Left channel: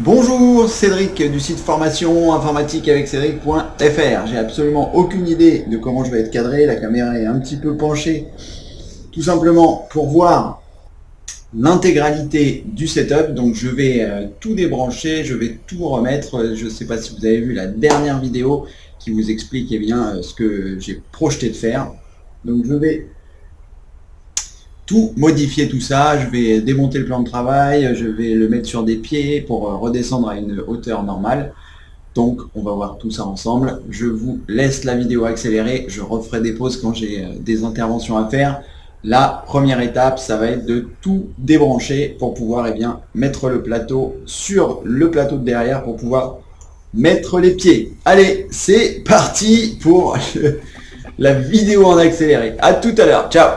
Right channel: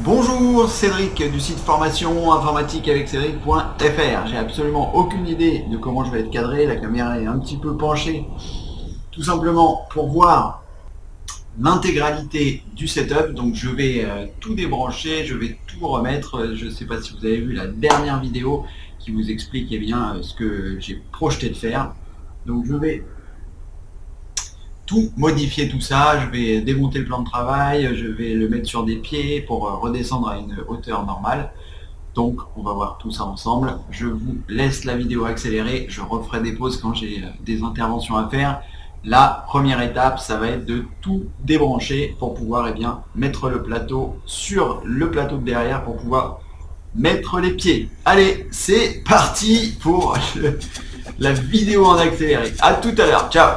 Bonjour, Cédric du site formation informatique avec Cédric.fr. J'ai absolument aucune idée de comment je vais être cadré. La caméra est un petit peu penchée, tout simplement pour voir l'intégralité du setup. Donc je vais tout débrancher, je vais tout remettre. Je ne sais pas si vous avez vu la dernière vidéo qui vous explique ce que j'ai projeté de faire. Donc je vais tout modifier tout ça, je vais démonter le plan de travail, je vais le mettre sur des pieds pour redescendre à une hauteur normale. Donc on va voir tout ça ensemble. Je vous laisse la vidéo accélérée, je referai des pauses quand j'ai des interventions à faire. La première étape, ça va être de tout débrancher pour pouvoir mettre le plateau sur le plateau de derrière pour pouvoir mettre les pieds. Allez, c'est parti pour la vidéo en accéléré. À tout à l'heure, ciao.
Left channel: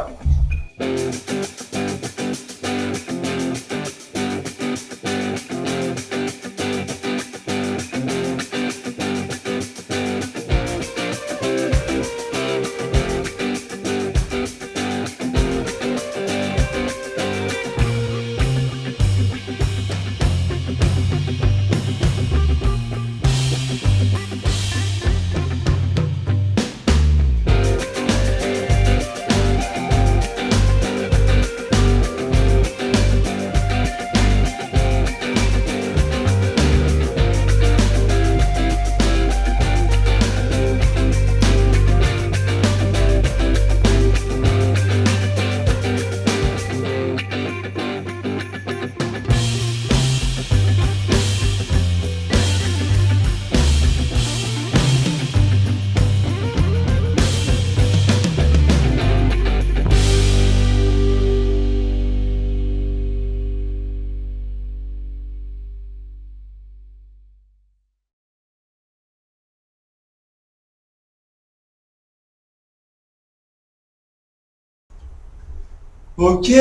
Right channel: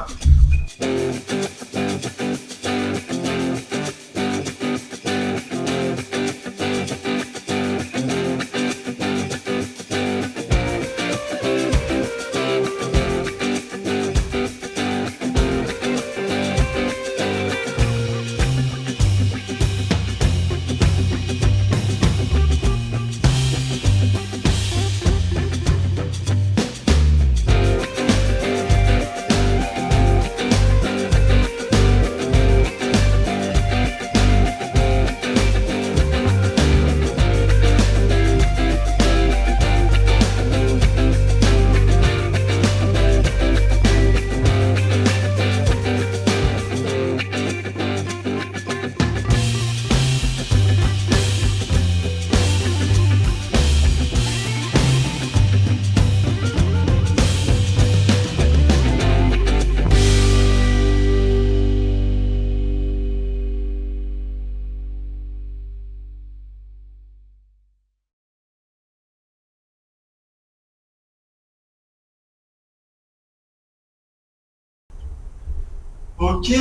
Ok,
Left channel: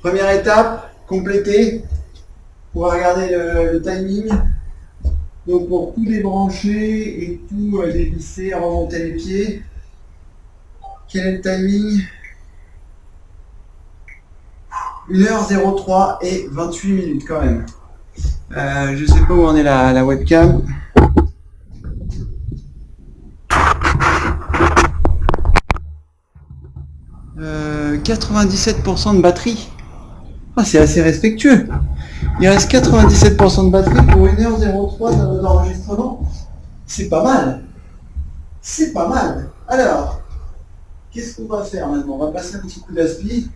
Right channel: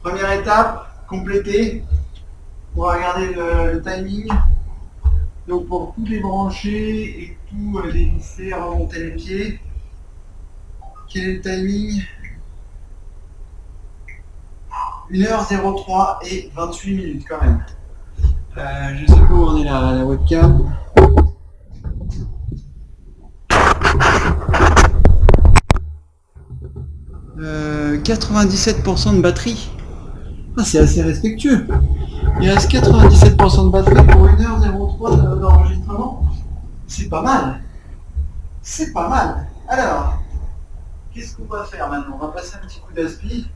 première étape complétée. Pour regarder le timing. Donc pour tout débrancher et tout dévisser, remonter les pieds. Quel est le timing? 1h03 et 28 minutes quand même. Je sais pas où en est la webcam. 97% de batterie. Ah, c'est assez respectueux. Il reste 97% de batterie pour 1h03 d'enregistrement. C'est pas mal. C'est pas mal. Alors, qu'est-ce qu'on va faire maintenant? On va passer un petit coup d'aspi.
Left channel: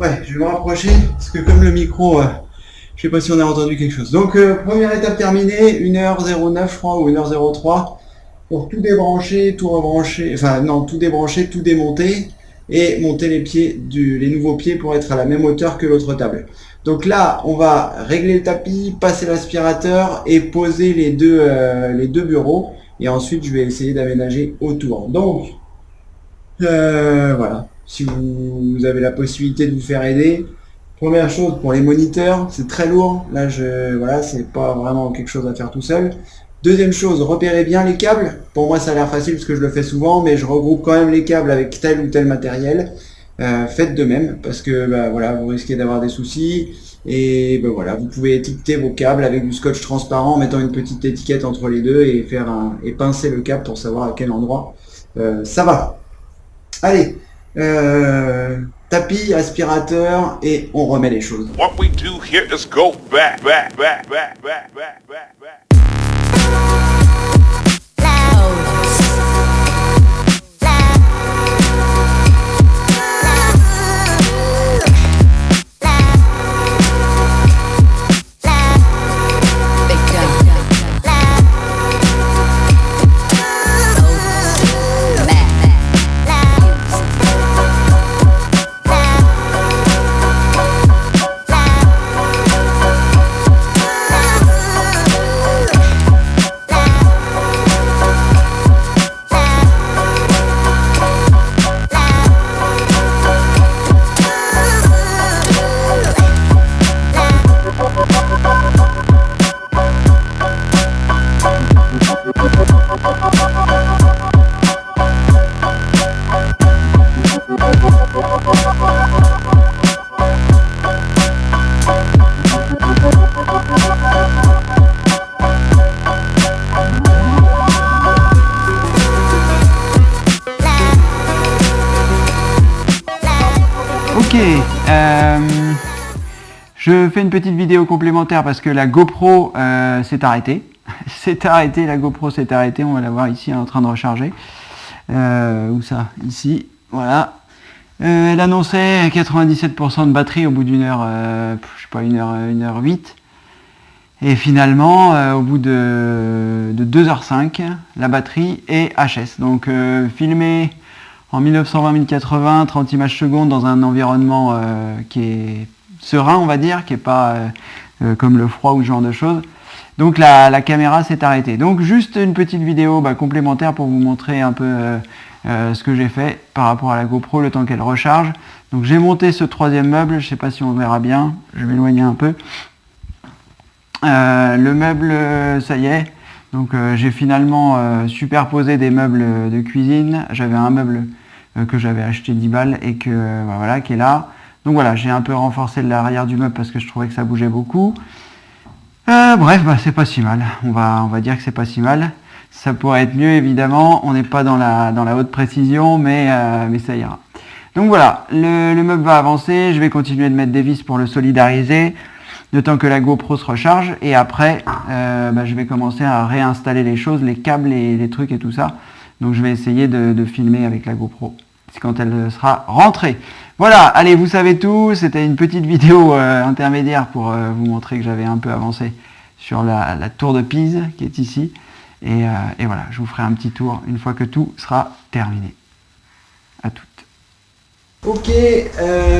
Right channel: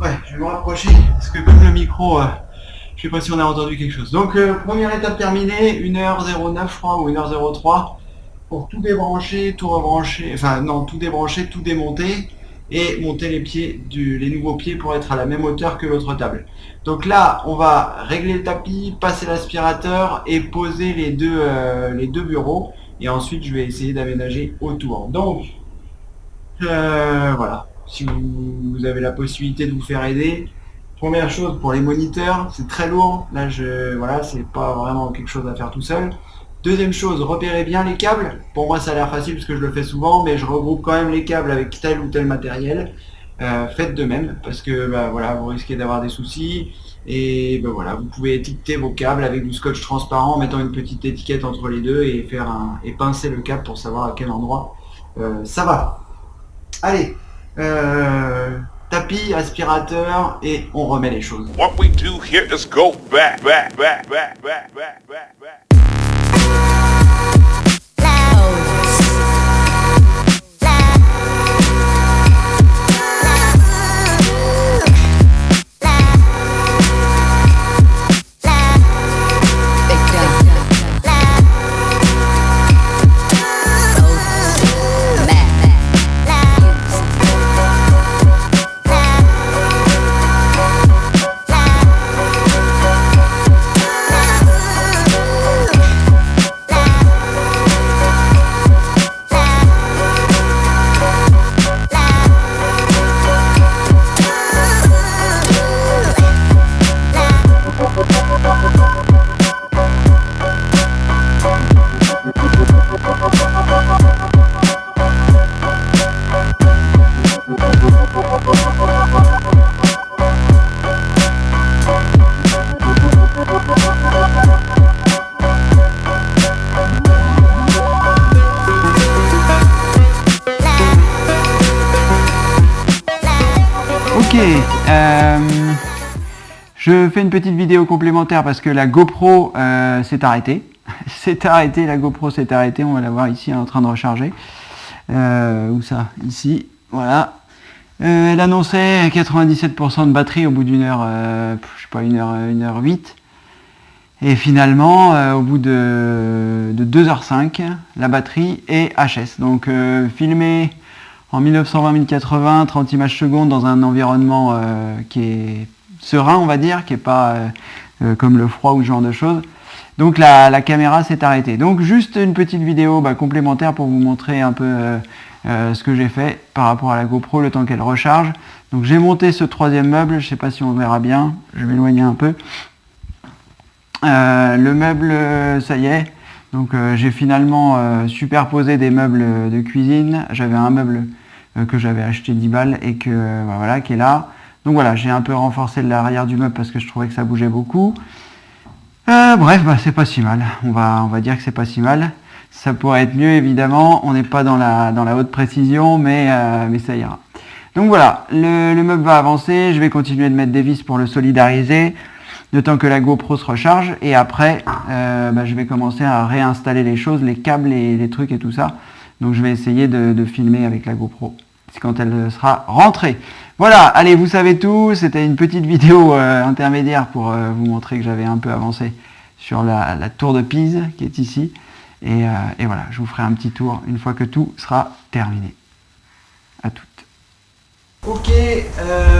Ouais, je vais me rapprocher parce que comme le micro, je sais pas si on a entendu quelque chose. Donc, première étape terminée, 1h09 je crois, ou 1h03 pour tout débrancher, tout rebrancher, enfin non, tout débrancher, tout démonter et monter les pieds, les nouveaux pieds pour être à la même hauteur que l'autre table. Donc là, on va régler le tapis, passer l'aspirateur et poser les deux bureaux. Et ensuite, je vais essayer d'aménager autour. Donc, voilà. Si vous avez la possibilité de vous faire aider, première chose pour les moniteurs, c'est très lourd. Là, voilà, c'est pas vraiment quelque chose à faire tout seul. Deuxième chose, repérez bien les câbles. Pour moi, ça a l'air facile parce que je le fais souvent, mais je regroupe quand même les câbles avec tel ou tel matériel. Faites de même parce que voilà, vous risquez d'avoir des soucis. Et voilà, vous pouvez étiqueter vos câbles avec du scotch transparent en mettant une petite étiquette entre les deux et et pincer le câble pour savoir à quel endroit ça va. Allez, tapis, aspirateur et on remet les choses. What we do here is go back. Ok, je fais une petite vidéo complémentaire parce que la GoPro s'est arrêtée. La GoPro s'est arrêtée, on va la voir ici, elle est en train de recharger. Où ça? Ici, voilà. Elle annonçait 97% de batterie au bout d'une heure, je sais pas, 1h08. Et finalement, au bout de 2h05, la batterie est HS. Donc filmé en 1920-1080, 30 images secondes dans un environnement qui est serein, on va dire, qui n'est pas comme le froid ou ce genre de choses. Donc la caméra s'est arrêtée. Donc juste une petite vidéo complémentaire pour vous montrer un peu ce que j'ai fait par rapport à la GoPro le temps qu'elle recharge. Donc j'ai monté ce troisième meuble, je ne sais pas si on verra bien, je vais m'éloigner un peu. Le meuble, ça y est. Donc j'ai finalement superposé des meubles de cuisine. J'avais un meuble que j'avais acheté 10 balles et que voilà, qui est là. Donc voilà, j'ai un peu renforcé l'arrière du meuble parce que je trouvais que ça bougeait beaucoup. Bref, c'est pas si mal. On va dire que c'est pas si mal. Ça pourrait être mieux évidemment. On n'est pas dans la haute précision, mais ça ira. Donc voilà, le meuble va avancer. Je vais continuer de mettre des vis pour le solidariser, le temps que la GoPro se recharge. Et après, je vais commencer à réinstaller les choses, les câbles et les trucs et tout ça. Donc je vais essayer de filmer avec la GoPro. C'est quand elle sera rentrée. Voilà, allez, vous savez tout. C'était une petite vidéo intermédiaire pour vous montrer que j'avais un peu avancé sur la tour de Pise qui est ici. Et voilà, je vous ferai un petit tour une fois que tout sera terminé. À toutes. Ok,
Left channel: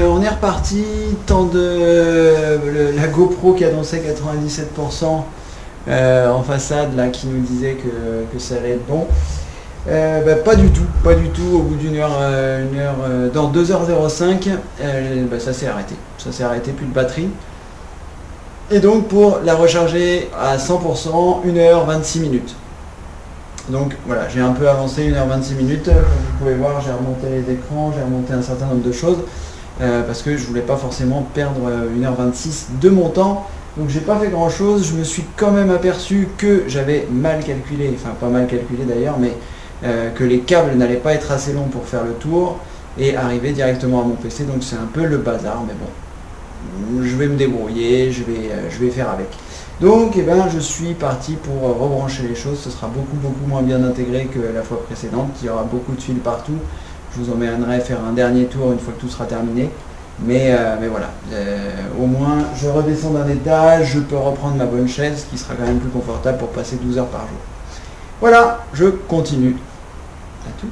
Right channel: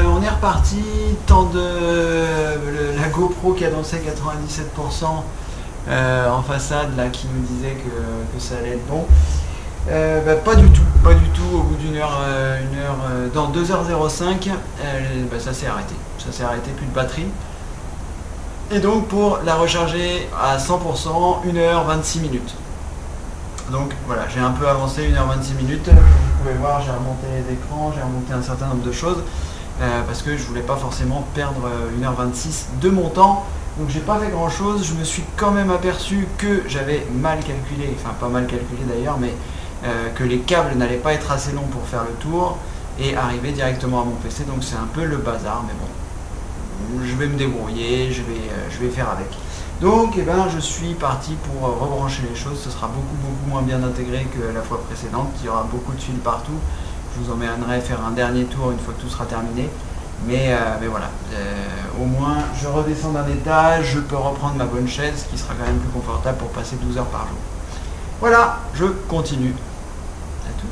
on est reparti. Temps de la GoPro qui annonçait 97% en façade, là, qui nous disait que ça allait être bon. Pas du tout, au bout d'une heure, dans 2h05, ça s'est arrêté, plus de batterie. Et donc pour la recharger à 100%, 1h26 minutes. Donc voilà, j'ai un peu avancé 1h26 minutes, comme vous pouvez voir, j'ai remonté les écrans, j'ai remonté un certain nombre de choses, parce que je voulais pas forcément perdre 1h26 de mon temps. Donc j'ai pas fait grand chose, je me suis quand même aperçu que j'avais mal calculé, enfin pas mal calculé d'ailleurs, mais que les câbles n'allaient pas être assez longs pour faire le tour et arriver directement à mon PC, donc c'est un peu le bazar, mais bon, je vais me débrouiller, je vais faire avec. Donc je suis parti pour rebrancher les choses, ce sera beaucoup moins bien intégré que la fois précédente, il y aura beaucoup de fils partout, je vous emmènerai faire un dernier tour une fois que tout sera terminé. Mais voilà, au moins je redescends d'un étage, je peux reprendre ma bonne chaise qui sera quand même plus confortable pour passer 12 heures par jour. Voilà, je continue. À toutes.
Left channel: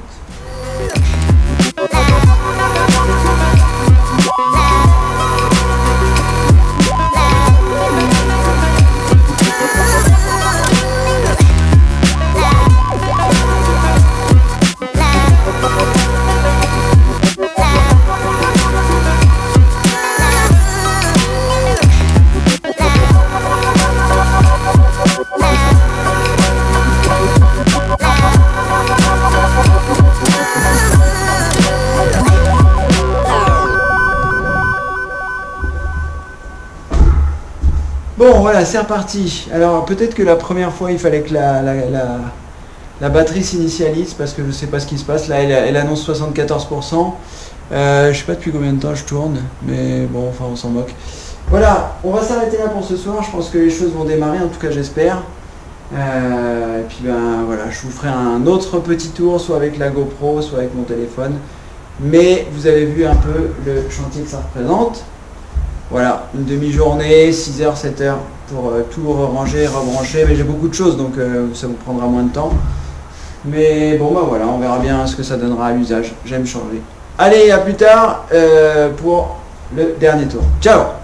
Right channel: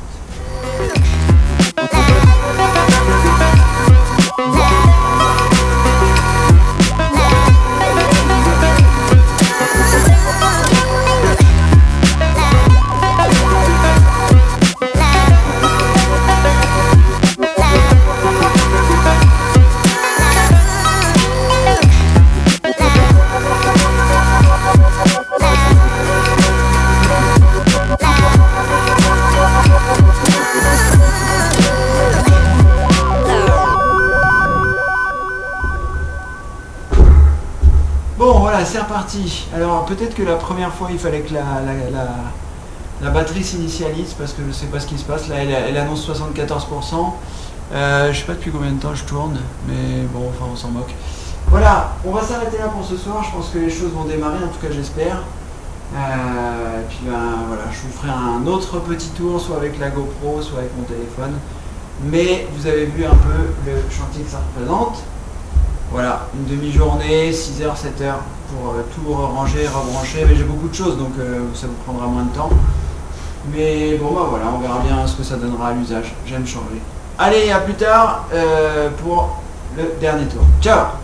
Bon voilà, c'est reparti. Alors peut-être que la première fois il fallait que la batterie s'initialise parce que je sais pas ce qui se passe. Là elle annonce 74%. Je sais pas depuis combien de temps je tourne, mais bon, enfin on s'en moque. Voilà, on va s'arrêter là pour ce soir. Je pense que les choses vont démarrer, en tout cas j'espère. Et puis voilà, je vous ferai un autre petit tour, soit avec la GoPro, soit avec mon téléphone. Mais vous avez vu un peu le chantier que ça représente. Voilà, une demi-journée, 6h, 7h pour tout ranger, rebrancher, mais j'ai beaucoup de choses donc ça vous prendra moins de temps. Mais bon voilà, on verra bien ce que ça donnera à l'usage, j'aime changer. Allez, à plus tard pour le dernier tour. Ciao!